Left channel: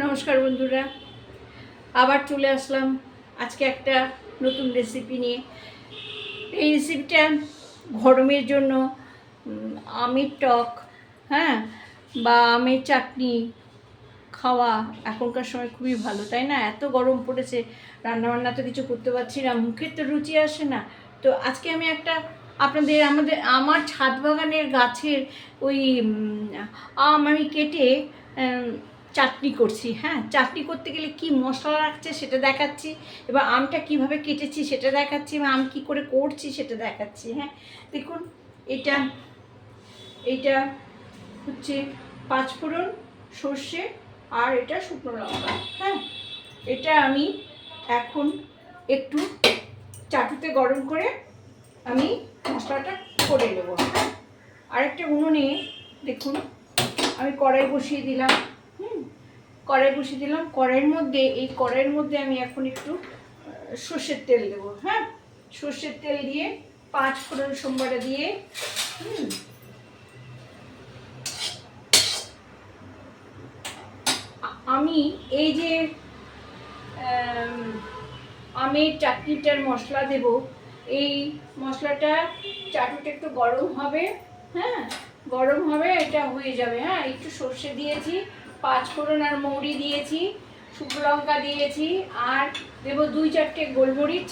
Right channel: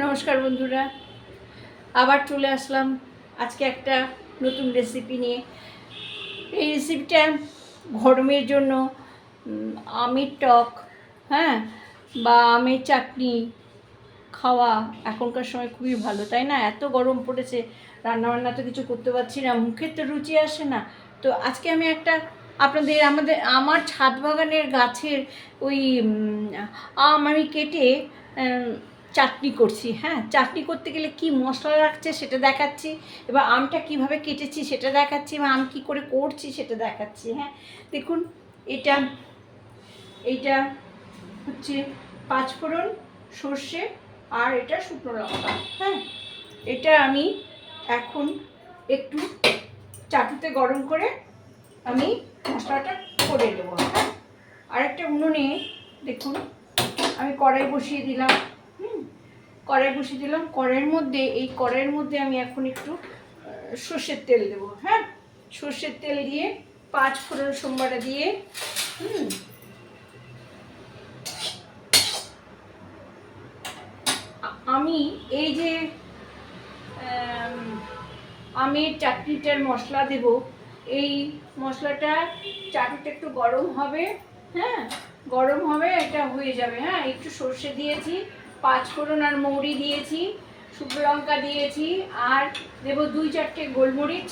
নমস্কার বন্ধুরা, আবার চলে আসলাম আজকে একটা নতুন রেসিপি নিয়ে। এই রেসিপিটা গরমের জন্য আমের টক, হ্যাঁ, বা আমের চাটনি খাওয়া এখনকার সময় খুবই ভালো, তাই না? এত গরম পড়েছে, রান্নাবান্না তো কিছু করতে পারছি না, মুখের তো রুচি আসে না। তো আজকে আমি একটা আমার ছাদ বাগানের গাছের ওই আম আমি কেটে চাটনি করছি। হ্যাঁ, চাটনি করতে গেলে কি মশলা রাখছে সেটা দেখাচ্ছি, এবার আমটা কিভাবে কেটেছি সেটা দেখাচ্ছি, বা আম কী করে করছি সেটা দেখাচ্ছি। হ্যাঁ, দেখুন, এটা এইটা হচ্ছে পাঁচফোড়ন, সর্ষে, আর এটা শুকনো লঙ্কা। হ্যাঁ, এটা আমি এখন একটু চাটুতে গরম করে আমি মশলাটা করে নেব। আরেকটা উনুনে দেখুন আমি কড়াই বসিয়ে দিলাম। কড়াইয়ের মধ্যে আমি এখন একটু সর্ষের তেল দেবো। হ্যাঁ, সর্ষের তেল দিয়ে পাঁচফোড়ন সোমবারে দিয়ে আমি এই যে আমের চাটনিটার মশলা দেব। এই মশলাটা চাটুটা একটু গরম হবে, হ্যাঁ, গরম হবে, এটা হয়ে যাবে। হ্যাঁ, একটু সর্ষে দিয়েছি, পাঁচফোড়ন আর মৌরি দিয়েছি, শুকনো লঙ্কা দিয়েছি, আর দেব 2-4টে গোলমরিচ,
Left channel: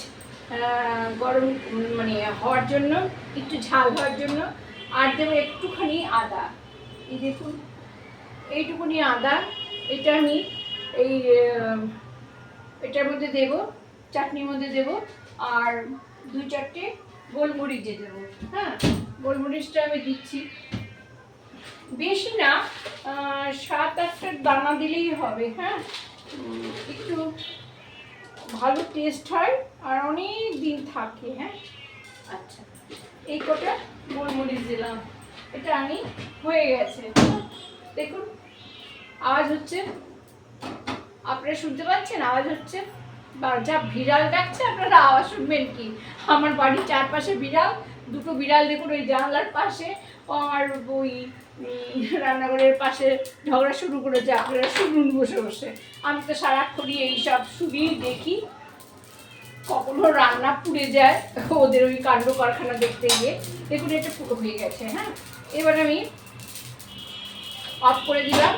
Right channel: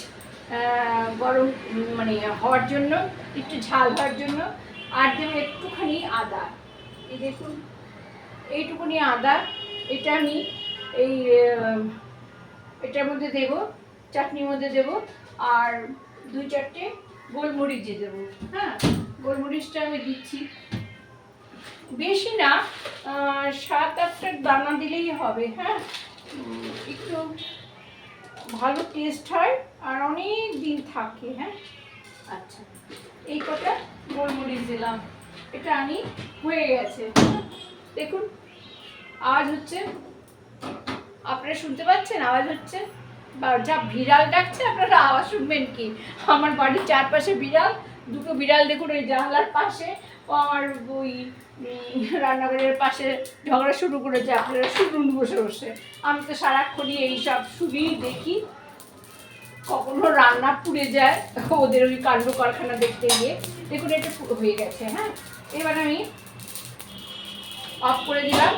গরম মানে হওয়ার জন্য, একটু ঝাল হওয়ার জন্য। আর দেবো একটুখানি আদা। এই দেখুন, এইটুকুনি আদা, এটা আমি এই এটার মধ্যে দেব, চাটনির মধ্যে দেব। আর 2-4টে গোলমরিচ দেব। হ্যাঁ, গোলমরিচটা আমি দিচ্ছি, বেশি না, 7-8টা দানা দিলেই হবে। হ্যাঁ, একটু ভালো টেস্ট হয় আর অনেক দিন থাকে। হ্যাঁ, আচ্ছা, এই কটা গোলমরিচ দিলাম, এটা আমি হয়ে গেছে। দেখুন আওয়াজ হচ্ছে, আপনারা শুনতে পাচ্ছেন? আওয়াজ হচ্ছে, যা বিড়াল ডাকছে, আপনারা আওয়াজ শুনবেন কি? আমার বাড়ির চারপাশে বিড়াল, দুটো বিড়াল দেখুন ওই জানলার পাশে, আর ওই রান্নাঘরের পাশে ঝগড়া শুরু করেছে। আপনারা শুনুন বসে বসে। আমি তো সারাক্ষণই এইসব শুনি, দেখি, কখনো রান্না পুড়ে যায় ওদের ওই কাণ্ড কারখানা দেখতে গিয়ে। দেখুন এটা পুরো হয়ে গেছে। হ্যাঁ, এবার আমি অফ করে দিলাম।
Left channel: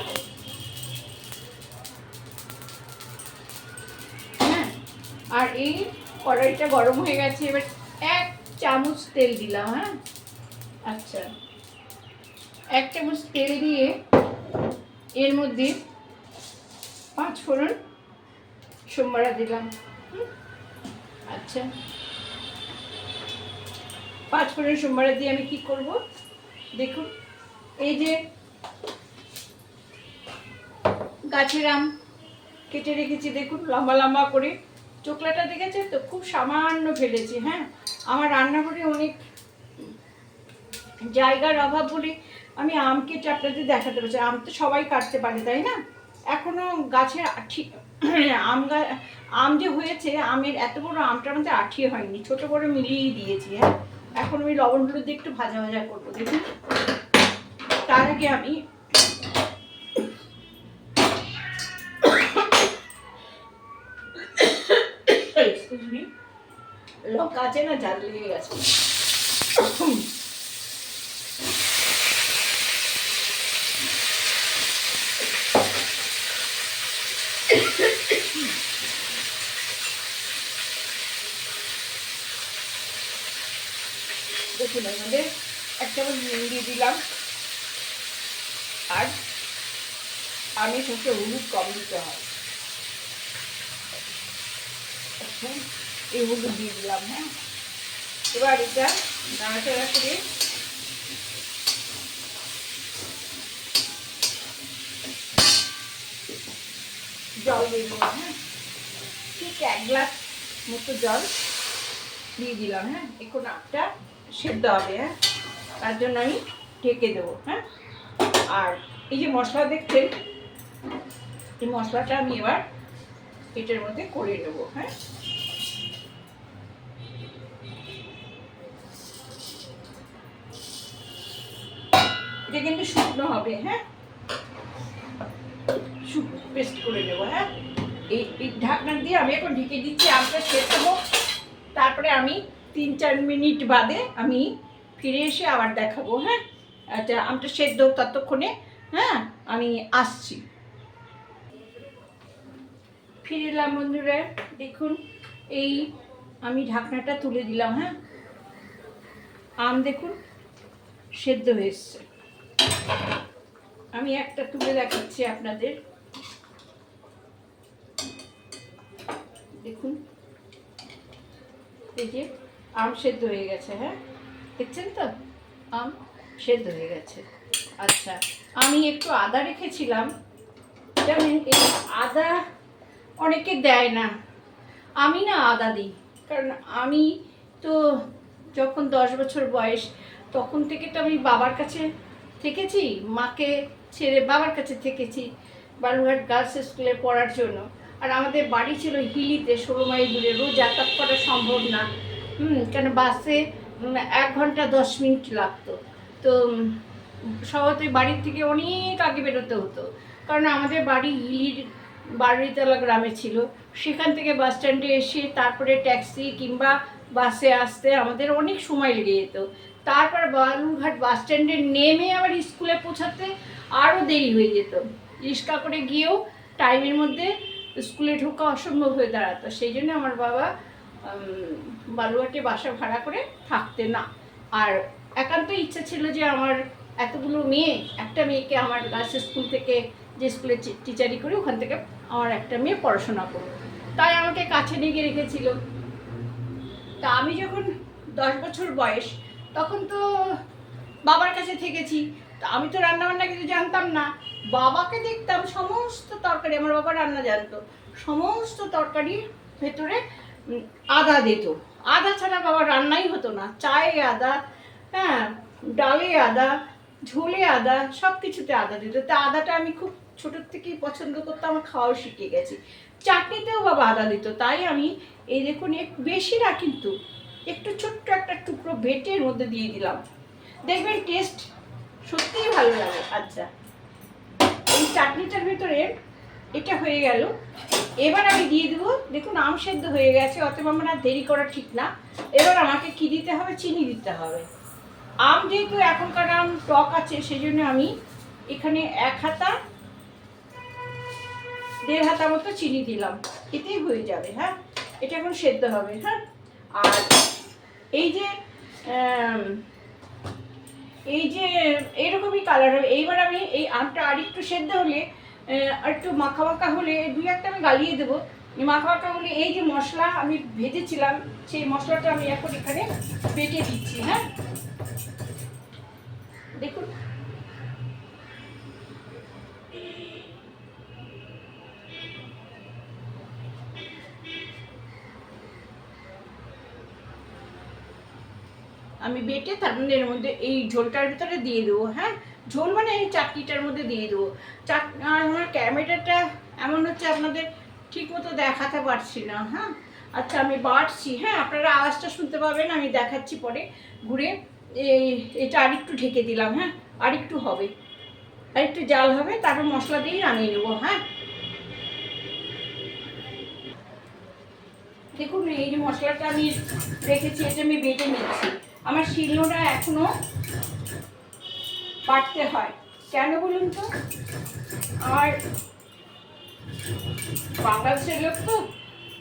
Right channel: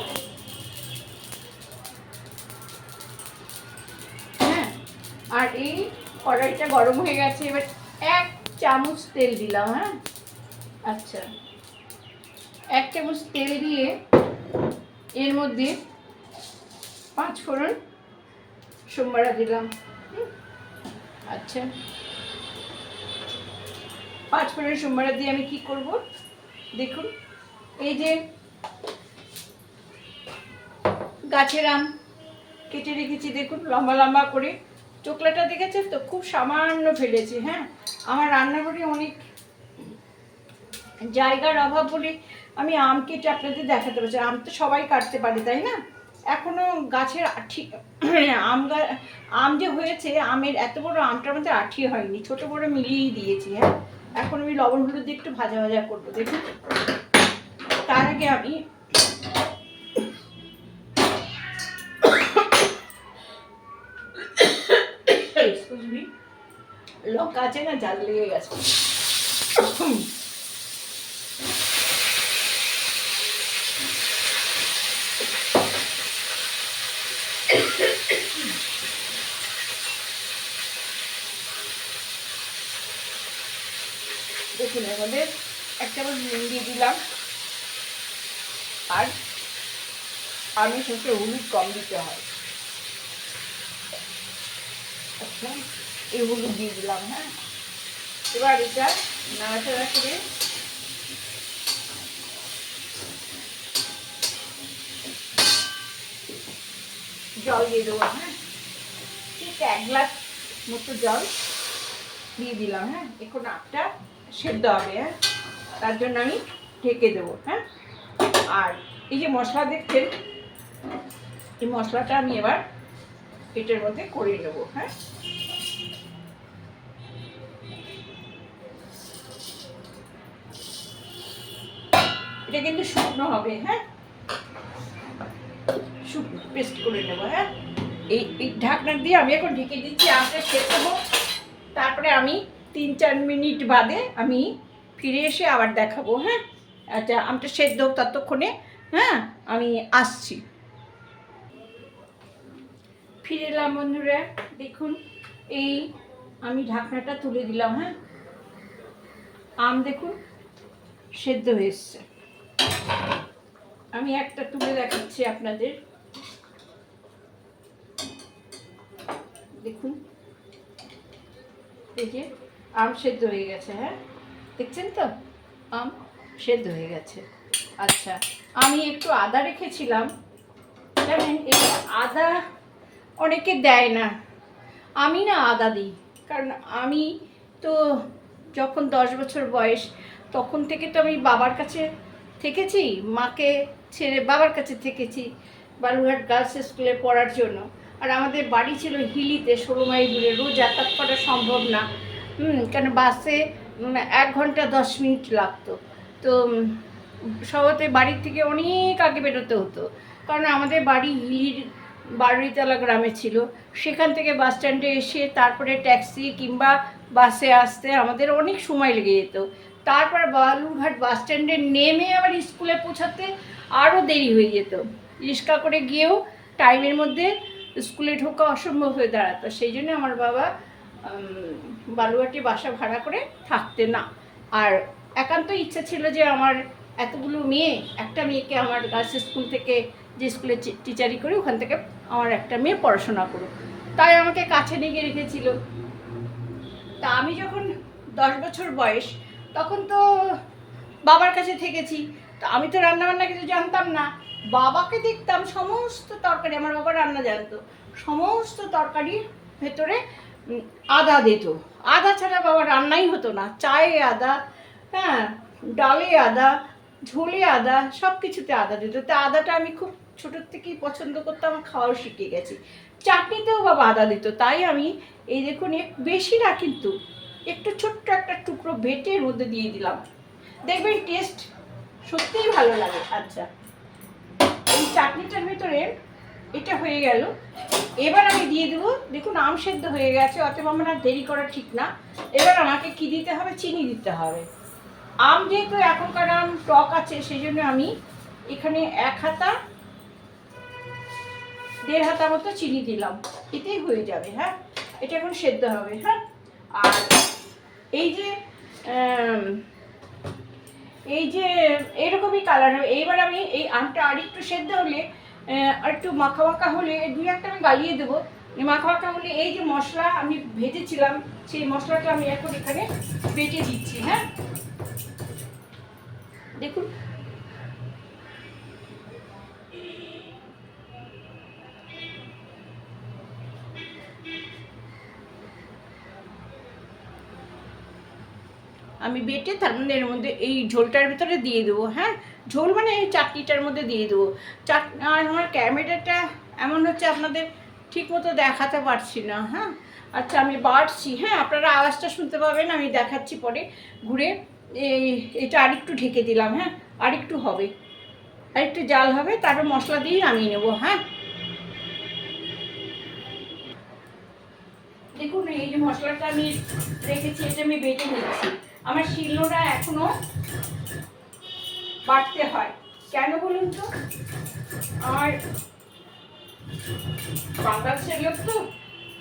আর এই কড়াইটা গরম হয়ে গেছে, এবার 1 চামচ তেল দিলাম। হ্যাঁ, আচ্ছা, 1 চামচ তেল দিয়ে এর মধ্যে পাঁচফোড়ন সোমবারা দিলাম। আচ্ছা, পাঁচফোড়ন সোমবারা দিয়ে আমি কি করব দেখুন, এই যে গাছের আম কেটে রেখেছি, দেখুন লম্বা লম্বা করে, চোকলাটা দেখেছেন তো, খুব সামান্য ফেলেছি। হ্যাঁ, আমার রান্নাঘরে অনেক জায়গার অভাব বলে আমি আম কেটে আপনাদের দেখাতে পারছি। আম তো সবাই কাটতে পারে, তাই না? এখনো গাছের আম যে হয়েছে, আমের এত বড় আমটার মধ্যে আঠি হয়নি, ছোট বড় মিলিয়েই দিয়েছি। হ্যাঁ, এখন আমি লবণ হলুদ দিয়ে একটু ভাজা ভাজা করবো। দেখুন, তার আগে আমি লঙ্কা আছে না, ঝাল লেগে গেছে। দেখুন, এর মধ্যে 1 চামচ নুন দিয়ে দিলাম, আর আমি শুনতে হলুদ কম দিতে হয়। আচ্ছা, এই হলুদ দিয়ে দিলাম। হ্যাঁ, এবার এটা নাড়াচাড়া করে জল দিয়ে দেবো। হ্যাঁ, ঠিক 1 গ্লাস মতো জল দিয়ে দিলাম। হ্যাঁ, এখন আমটা সেদ্ধ হবে। হ্যাঁ, তার জন্য আমি ঢেকে দেবো। হ্যাঁ, আর এই যে মশলা দেখছেন, এই মশলাটা আমি এবার এটার মধ্যে করে নেব। হ্যাঁ, এটা কিন্তু শুকনো হবে। হ্যাঁ, পেস্ট করে নেবো। হ্যাঁ, এই ঢাকনা দিয়ে আমি এখন ঢেকে দিচ্ছি, আমটা সেদ্ধ হোক, তারপরে আমি 3-4 মিনিট বাদে আমি ফিরে এসে আবার দেখাবো। হ্যাঁ, আচ্ছা, আমটা সেদ্ধ হোক ততক্ষণে। হ্যাঁ, আমি আসছি। ফিরে এলাম বন্ধুরা, দেখুন এই আমি ঢাকনাটা তুলে দিলাম। হ্যাঁ, আম দেখুন সেদ্ধ হয়ে এসছে। আমি একটা তুলে দেখাচ্ছি আপনাদের, দেখুন এই যে আম সেদ্ধ হয়ে গেছে। হ্যাঁ, দেখছেন তো, আম সেদ্ধ হয়ে গেছে। আচ্ছা, আমি একটু আদা রেখেছিলাম, জানেন এই আদা অনেকে দেয় না, আমি না আদা দিই, কারণ আমি তো যখন 10 বছর বয়স তখন থেকে তো আমি বাবার কাছে থেকেছি, মাকে ছেড়ে বাবার কাছে থেকেছি বালুরঘাট গার্লস স্কুলে পড়ার জন্য। আর আমাদের বাড়ি ছিল হিলিতে, 16 মাইল দূরে, রোজ যাতায়াত করা সম্ভব না। কেন বাসে 1 ঘন্টা 10 মিনিট লাগতো। তো সবতে বাড়ির থেকে অনেক আগে বেরোতে হতো, কারণ আমাদের বাড়ি হিলির বারুইতলা গ্রামে ছিল। সেখান থেকে বাস স্ট্যান্ডে এসে তারপরে ট্যাক্সি কিংবা বাসে আসতে আমাদের অনেক সময় লেগে যেত। তারপর বালুরঘাট বাস স্ট্যান্ডে নেমে আবার স্কুলে পৌঁছাতে আরও দেরি হয়ে যেত। রিক্সা করে গিয়েও টাইমের মধ্যে স্কুলে ঢোকা অসম্ভব হয়ে দাঁড়াতো। সেই জন্য আমার বাবা বালুরঘাটে বাসা ভাড়া করে থাকতে না। আর একান্ত ইচ্ছা ছিল যে আমার এতগুলো মেয়ে, একটা মেয়েকে আমার গার্লস স্কুল থেকে, যে স্কুলে টিচারি করে ওখান থেকে আমার একটা মেয়ে পড়াশোনা করো, তাই আমাকে কাছে নিয়ে রেখেছিল। তা আমি যখন 10 বছর বয়স তখন তো বাবার কাছে থেকেছি, তা আমি তো রান্নাবান্না কিছু জানতাম না। বাবাকে দেখতাম সমস্ত তরকারি, আমার বাবা রান্না জানতো, সমস্ত তরকারির ভেতরে আদা দিত। আদা ছাড়া বাবা রান্নাই হতো না। চায়ে আদা, হ্যাঁ, ডালে আদা, ঝোলে আদা, সব কিছুতে আদা দিত। তা আদাটা আমি খুব ছোটোর থেকেই পছন্দ করতাম, আমার খাওয়াও শিখে গেছি। চাটনিতেও বাবা আদা দিত, তাই আমি এই দেখুন বেশি না, কিন্তু একটু ছোট্ট একটা টুকরো বেটে এর মধ্যে দিয়ে দিলাম, দেখবেন টেস্ট সত্যিই ভালো লাগে। আচ্ছা, এই চাটনিটার ভিতরে এটা হয়ে গেল। এবার আমি দিয়ে দেবো, দেখুন আম সেদ্ধ হয়ে গেছে, অতএব আমার আর দেরি করা ঠিক না। এবার আমাকে কি দিতে হবে, চিনি দিতে হবে। আম যেহেতু এখনকার আম টক আছে, সেই জন্য আমি এখানে 1 হাতা 1.5 হাতা মতো চিনি দিলাম, এতেই হয়ে যাবে। হ্যাঁ, এটা এখন সেদ্ধ হবে। হ্যাঁ, আর এই যে এরকমই কালার হবে। এইবার আমি এই আমটা আর একটু সেদ্ধ হলে, আর একটু মাখা মাখা হলে 2-1টা আমি গালিয়ে দেবো। মাখা মাখা হলে এই যে মশলা আমি ভেজেছিলাম, সেই মশলাটা আমি এখন এখানে বেটে দিচ্ছি। হ্যাঁ, দেখুন আমি বেটে তার মধ্যে এর মধ্যে এই ঝোলটার ভিতরে দিয়ে দেবো। হ্যাঁ, ঝোল মানে এই চাটনিটার মধ্যে দিয়ে দেবো। আর আমার ক্যামেরাটা এমন হচ্ছে আপনাদের ঠিক মতো দেখাতে পারছি না। হ্যাঁ, আচ্ছা, আমি বাড়ছি। হ্যাঁ, আপনারা আওয়াজটা শুনতে পাবেন, আমি দেখাচ্ছি পরে ঘুরে। এটা আরেকটু ঢেকে দিলাম। হ্যাঁ, আরেকটু হবে, আরেকটু জাল হবে, তারপর মশলা দিয়েই নামিয়ে নেবো। হ্যাঁ, দেখুন এই যে মশলাটা আমি রেখেছি, এটা আমি বেটে নিচ্ছি। আমার শিলনোড়া এখনো বাটতে হয়, কেন বলুন তো, আর বাংলাদেশের লোক তো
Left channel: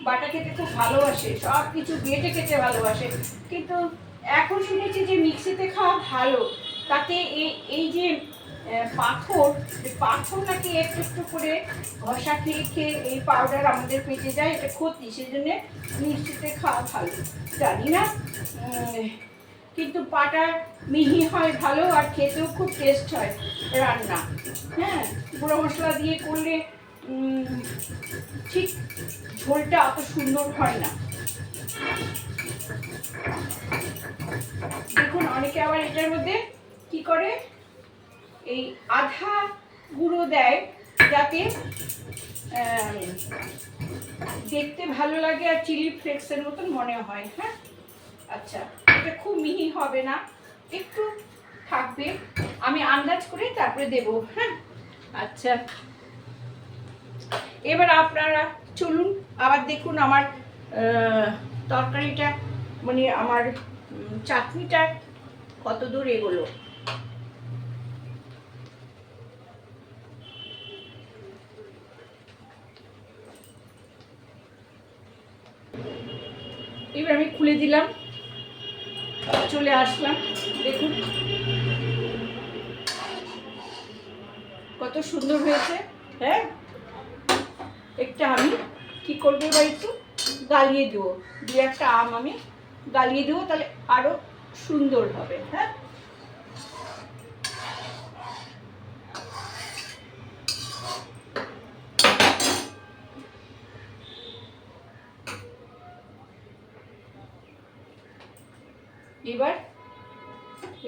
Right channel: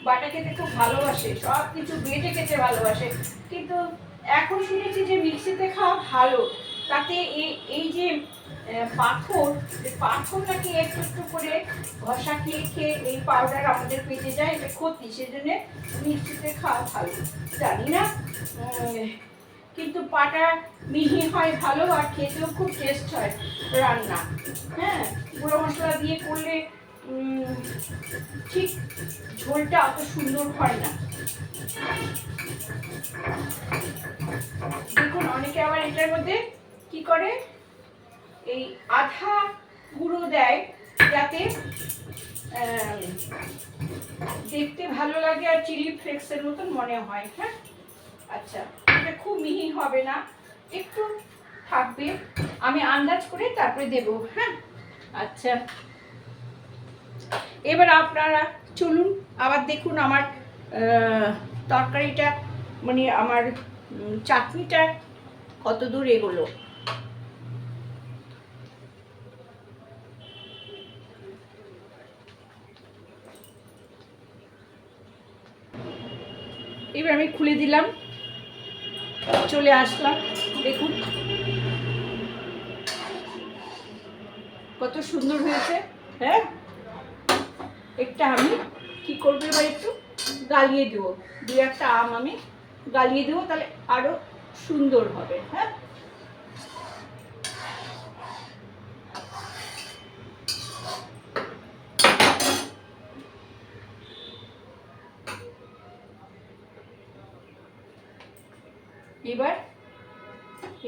বাটা খেতে খুব ভালোবাসে, সব কিছু বেটে খেতে ভালোবাসে। কিন্তু এখন শুনেছি যে মিক্সিতে খাওয়া ভালো, তাতে এই যে পাথর নাকি একটু একটু করে ঘষা খেয়ে খেয়ে এই পাউডার আমাদের পেটে যায়, এটা ক্ষতি, সেজন্য মিক্সিতে খাওয়া ভালো। জানি না, কিন্তু পাটা মিহি হয় ভালো, আর খেতেও খুব টেস্ট হয় রান্না। হ্যাঁ, গুঁড়ো মশলা দিয়ে করলে ঠিক ঝোলটা অত সুন্দর হয় না। দেখুন অনেকে আবার এটার মধ্যে কি করে, এই আধা গুঁড়ো দেয় যাতে দেখতে ভালো লাগে আর চিলি ফ্লেক্সের মতন মনে হয়। হ্যাঁ, আচ্ছা, এটা খুব মিহি হবে না, একটু থাকবে, আমি আন্দাজ করে তারপরে দেব। হ্যাঁ, আচ্ছা, এবার আপনারা চলুন আবার দেখুন আমার তরকারিটা, মানে আমার চাটনিটা কত দূর এগোলো। এবার আমি খুলে দিলাম, চলে আসলাম, দেখুন কত সুন্দর হয়েছে। হ্যাঁ, একটা আমি কি করবো এবার একটু গালিয়ে দেবো, দু একটা আম আমি গালিয়ে দেবো, তাহলে আরো সুন্দর হবে। হ্যাঁ, এবার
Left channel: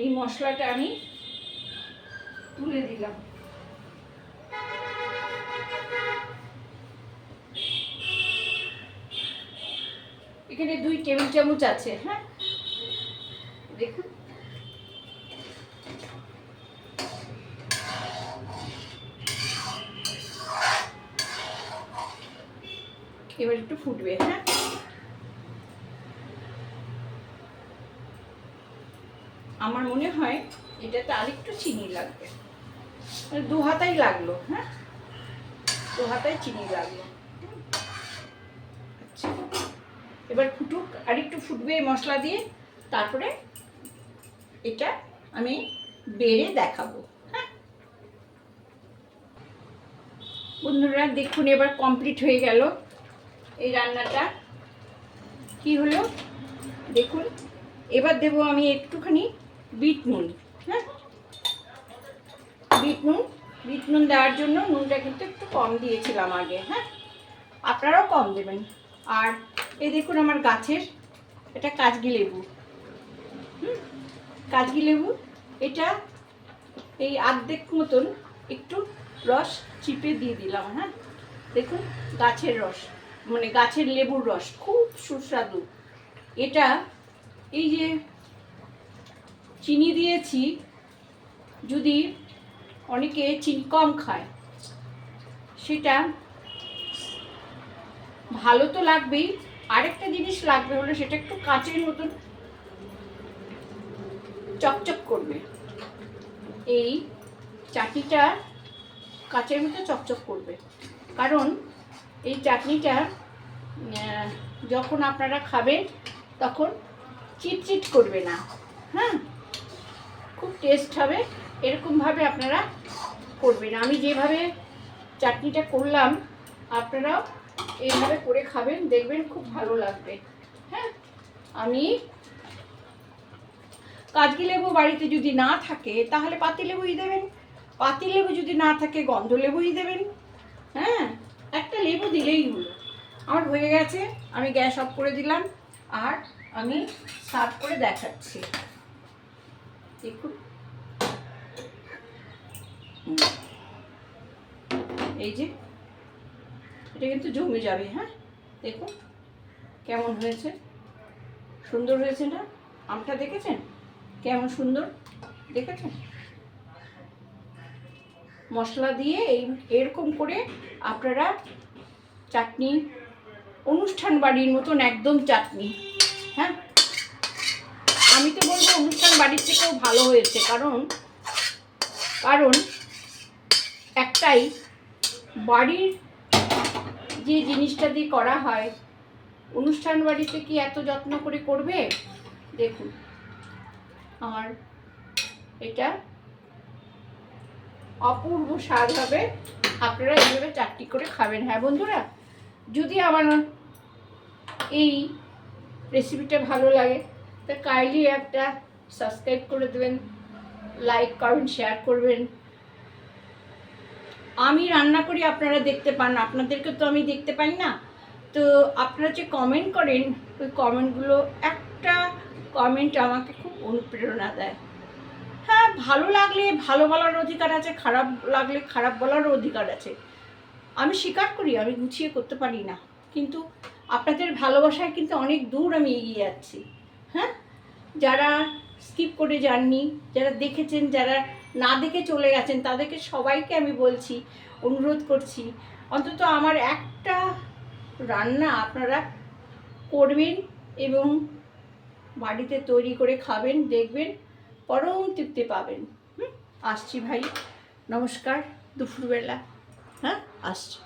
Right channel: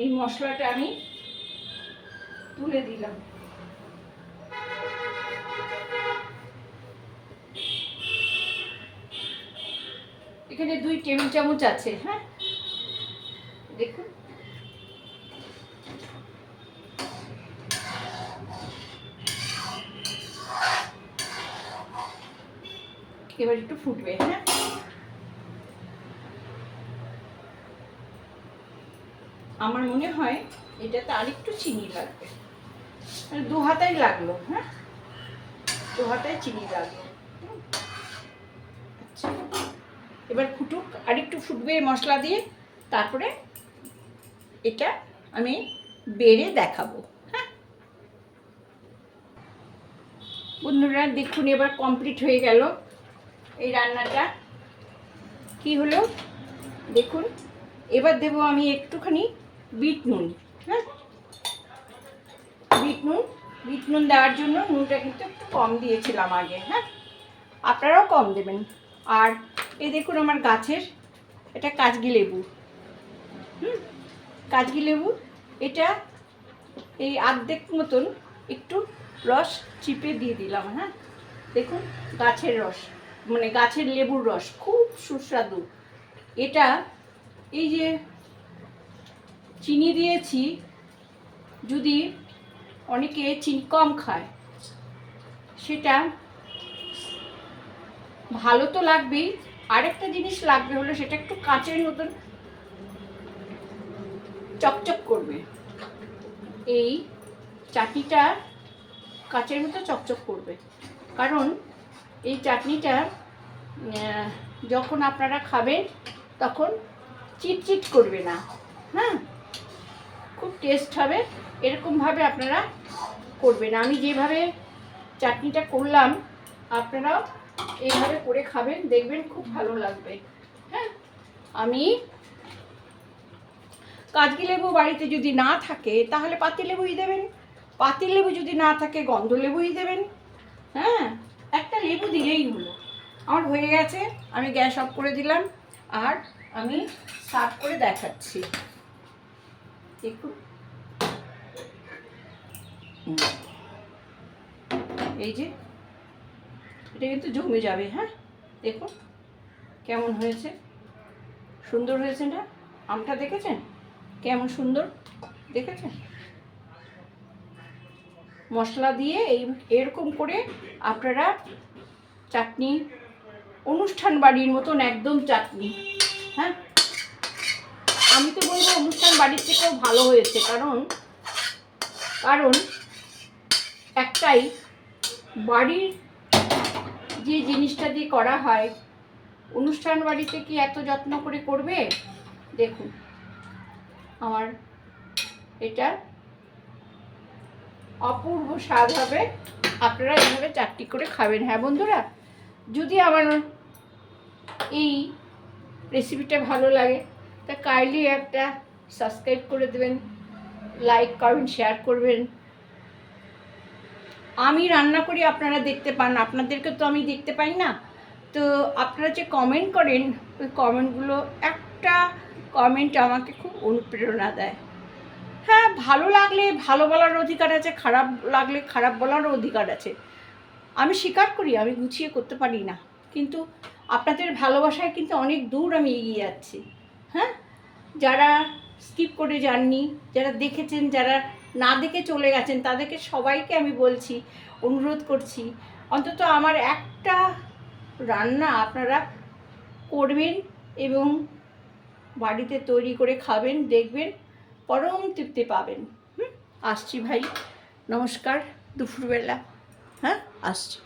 এই মশলাটা আমি তুলে দিলাম। এখানে 2 টেবিল চামচ আছে। হ্যাঁ, দেখুন এবার একটু ফুটবে। হ্যাঁ, আমার মনে হয় এটাতে আরেকটু চিনি লাগবে, মানে 2 হাতাই লাগলো। হ্যাঁ, 2 হাতায় চিনি লাগলো। আচ্ছা, এবার ফুটুক, আরেকটু ফুটবে মশলা দিয়ে, তারপরে এটা আমি বেড়ে দেখাবো। হ্যাঁ বন্ধুরা, দেখুন এবার কমপ্লিট হয়ে গেল এই রান্নাটা। কি হলো দেখুন, এবার দেবো আমি একটুখানি বিট নুন। হ্যাঁ, বিট নুন দেওয়ার জন্য নুনটা কিন্তু একটু কম দিয়েছিলাম আগে। হ্যাঁ, আপনারাও কম দেবেন। আর এই দেখুন আমার গাছের এটা কাজগি লেবু। কাজগি লেবু, এটা এই অর্ধেক মতন একটু রস চিপে দিয়ে দিলাম। হ্যাঁ, দেখুন গাছের রস, মানে গাছের লেবুর রস খুব সুস্বাদু। এটা এই যে চিনি দিয়েছি, যদি অনেকে চিনি কম খায়, সেটা ভালো তো লাগবেই, আরেকটা জিনিস লাগবে, হলো সেটা একটু কাঁচের মতন চকচক করবে। এই চাটনিটা কাঁচের মতো চকচক করবে, কারণ এই চাটনিটা যখন আপনারা খাবেন তখন চিটচিট করবে না। হ্যাঁ, খুব টেস্ট হবে। এরকমভাবে আপনারা করবেন, আমি যেভাবে চাটনিটা করলাম আপনারাও এইভাবে করে খাবেন, দেখবেন খুব ভালো লাগবে। হ্যাঁ, আমি কাজগি লেবু বাড়িতে যদি না থাকে তাহলে পাতি লেবুই দেবেন, পাতি লেবু যদি না থাকে গন্ধ লেবুই দেবেন। হ্যাঁ, একটা লেবু দিলেই হলো। আমার হয়ে গেছে, আমি গ্যাস অফ করে দিলাম, আর আমি সার্ভ করে দেখাচ্ছি। দেখুন এই যে এটা কিন্তু জমে যাবে। হ্যাঁ, দেখুন কেমন হয়েছে, সুন্দর হয়েছে না? আমটা দেখেছেন কেমন সুন্দর, দেখেছেন? মশলা দিয়ে এরকম করে আপনারা চাটনি, অনুষ্ঠান বাড়ির মতন একদম চাটনি। হ্যাঁ, আমি তো বলবো অনুষ্ঠান বাড়ির থেকেও ভালো হয়েছে, কারণ একটাই বাড়ির যে জিনিসটা দিয়ে করা হয়, অনুষ্ঠান বাড়িতে কি এত যত্ন করে করবে? দেখুন আমার এটা অপূর্ব স্বাদ হবে, আপনারা এইভাবে চাটনি করে খাবেন। হ্যাঁ বন্ধুরা, যদি আমার এই রেসিপিটা ভালো লাগে তা কাইন্ডলি একটা সাবস্ক্রাইব করে দেবেন, লাইক কমেন্ট শেয়ার করবেন। আমি রান্না করি আপনারা দেখতে পান, আপনাদেরকে তো আমি দেখতে পাই না, তো আপনারা যে কমেন্ট করেন ওই কমেন্টগুলো, একটা কমেন্ট আমাকে খুব অনুপ্রেরণা দেয়। হ্যাঁ, ভালো লাগলে ভালো বলার অধিকার আছে, খারাপ লাগলে খারাপ বলারও অধিকার আছে। আমি স্বীকার করি আমি গুছিয়ে করতে পারি না, কিন্তু আপনাদের ভালোবাসায় কিন্তু অনেক দূর আমি এগিয়ে যাচ্ছি। হ্যাঁ, যারা স্কিপ করে যাননি, যারা দেখেছেন, যারা না দেখে চলে গেছেন, তাদেরকে সবাইকে আমি বলছি, অনুরোধ করছি অন্তত আমার একটা রান্না আপনারা করবেন এবং বাড়িতে তৈরি করে খাবেন, দেখবেন পরম তৃপ্তি পাবেন। আসছি ভাই, নমস্কার, দুপুরবেলা, হ্যাঁ আসছি।